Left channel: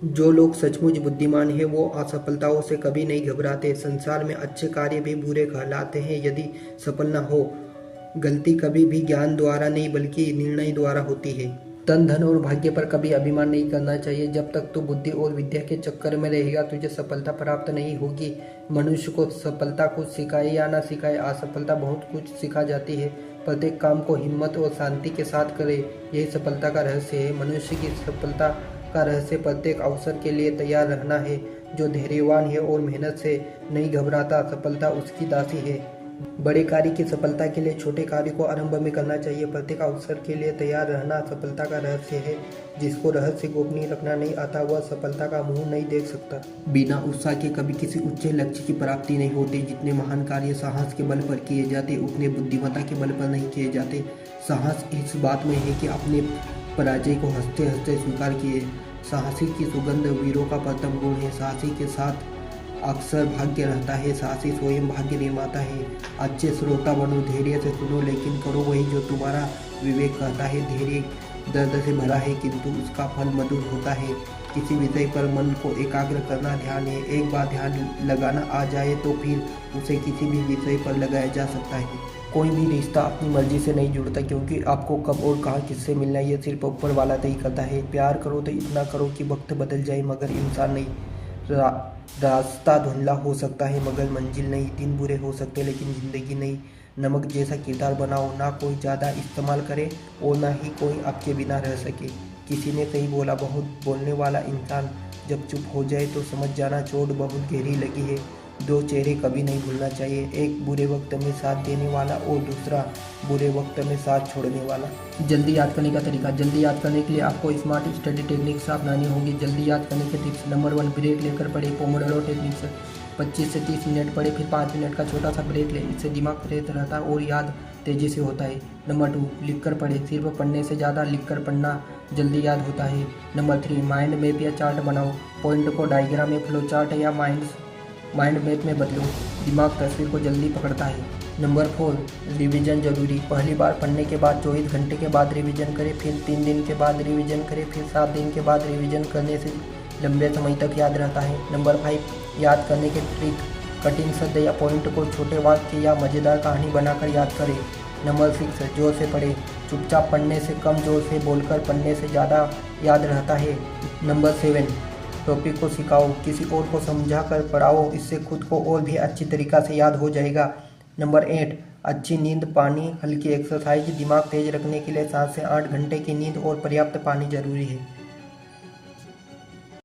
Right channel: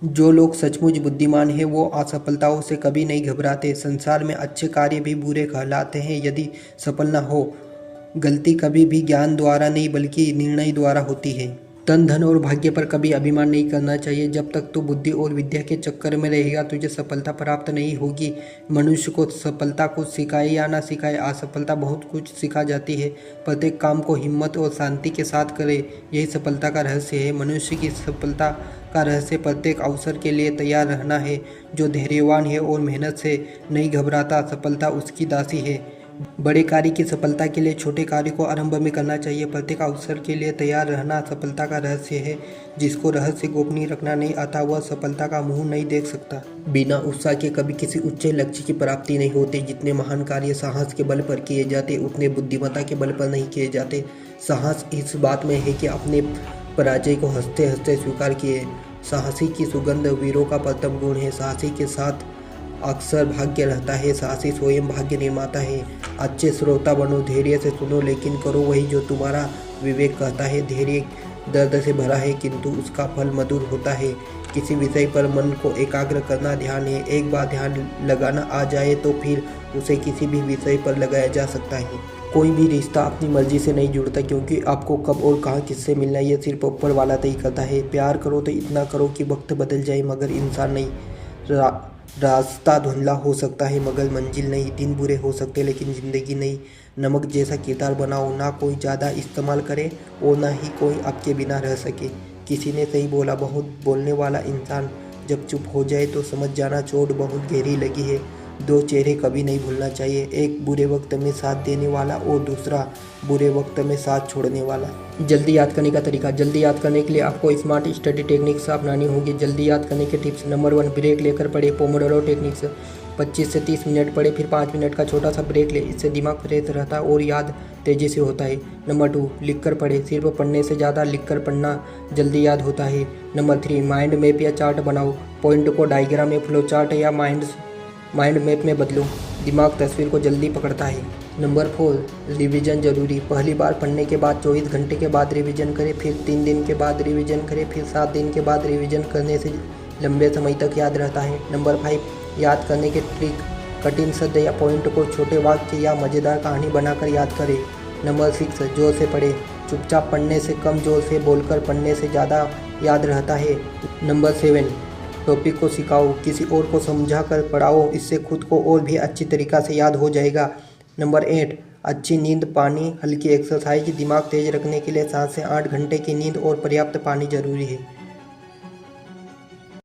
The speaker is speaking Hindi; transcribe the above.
जो लोग सचमुच बुद्धिमान हैं वो असफलताओं से कभी नहीं घबराते। संसार में अच्छे कार्य भी बुरे कहलाते हैं यदि सफल न हो। गलती कभी भी ज्ञान द्वारा नहीं बल्कि निर्णय द्वारा होती है। तन धन और भाग्य पर कभी अभिमान नहीं करना चाहिए। जब तक तू बुद्धि और विद्या के चक्कर में रहेगा तुझे सफलता प्राप्त नहीं होगी। मनुष्य को सफलता कुछ सिखाए या ना सिखाए, असफलता बहुत कुछ सिखा जाती है। प्रत्येक काम को हिम्मत और शांति के साथ करे, यही सफलता का रहस्य है। मनुष्य की सफलता का रहस्य प्रत्येक अवसर के लिए तैयार रहना है। जो धैर्यवान है और मेहनत से नहीं घबराता, सफलता उसकी दासी है। बड़े कार्य की सफलता के लिए छोटे कार्य को आरंभ में करना चाहिए। प्रत्येक अवसर के लिए तैयार रहना सफलता का रहस्य है। जिसको रहस्य गोपनीय रखना नहीं आता वह सफलता का मुंह नहीं देख सकता। बिना उत्साह के कभी किसी उच्च लक्ष्य की प्राप्ति नहीं होती। जितने महान कार्य साहस के बल पर किए जाते उतने बुद्धिमत्ता के बल पर नहीं किए जाते। साहस इस बात में है कि अपने पराजय को हंसते हंसते स्वीकार किए। साहसी की सुगंध वीरों का प्रथम गुण है। साहसी के साथ अक्सर भाग्य रहता है। साहसी स्वयं भाग्य निर्माता है। अच्छे श्रोता बनो, धैर्य से सुनो लेकिन करो वही जो तुम्हारा विवेक कहता है। धैर्य दर्द से भरा है किंतु उसका फल मधुर होता है। किसी विषय पर मन को एकाग्र करना ध्यान है। एक बार ध्यान लगाना आ जाए तो फिर उसे किसी भी विषय पर लगाया जा सकता है। कोई भी रिश्ता अपनी मर्जी से नहीं जुड़ता, क्योंकि आपको कब और कहाँ किससे मिलना है यह सिर्फ ऊपर वाला तय करता है। प्यार करो तो इतना करो कि वक्त बदल जाए मगर इंसान नहीं। रास्ता धुंधला हो सकता है मगर मंजिल नहीं। दिन बुरे हो सकते लेकिन ज़िंदगी नहीं। नमक जैसा किरदार बनाओ, ना कोई ज़्यादा इस्तेमाल करे और ना ही कोई आपके बिना रह सके। किसी ने सही बोला, बहुत बोलने वाला इंसान जब चुप हो जाए तो समझ जाना चोट बहुत गहरी लगी है। दो चेहरे कभी नहीं भूलना चाहिए, एक बुरे वक्त में साथ देने वाला और दूसरा बुरे वक्त में साथ छोड़ने वाला। जल्दी याद करने का तरीका। जल्दी याद करने के लिए आपको स्मार्ट स्टडी टेक्निक्स अपनानी होगी। जल्दी याद करने के टिप्स। नंबर 1, ब्रेक लेकर पढ़े, पोमोडोरो टेक्निक्स। 25 से 30 मिनट पढ़े फिर 5 मिनट का छोटा सा ब्रेक ले। इससे दिमाग फ्रेश रहता है और याद तेज़ी से होता है। नंबर 2, लिख कर पढ़े, सिर्फ पढ़ने से ज़्यादा लिख कर पढ़ना जल्दी याद होता है। नंबर 3, माइंड मैप या चार्ट बनाओ, पॉइंट को डायग्राम में, फ्लो चार्ट या माइंड मैप में बदलो, दिमाग तस्वीर को जल्दी पकड़ता है। नंबर 4, रिवीजन जरूरी। पहली बार पढ़ने के बाद 24 घंटे के बाद रिवीजन करें, फिर 3 दिन के बाद रिवीजन करें, फिर 7 दिन के बाद रिवीजन करने से लंबे समय तक याद रहता है। नंबर 5, याद करने के ट्रिक। कठिन शब्द या पॉइंट को छोटे वाक्य या मज़ेदार कहानी बनाकर याद करें। नंबर 6, जोर से पढ़ें, चुपचाप पढ़ने से कम, जोर से बोलकर पढ़ने से ज़्यादा याद रहता है। नंबर 7, टॉपिक को सिखाओ, किसी और को समझा कर पढ़ाओ, इससे खुद को और भी अच्छी तरीक़ा से याद हो जाएगा। नंबर 8, अच्छी नींद, पानी, हल्की एक्सरसाइज। दिमाग तेज रखने के लिए 7 से 8 घंटे की नींद और पर्याप्त पानी जरूरी है।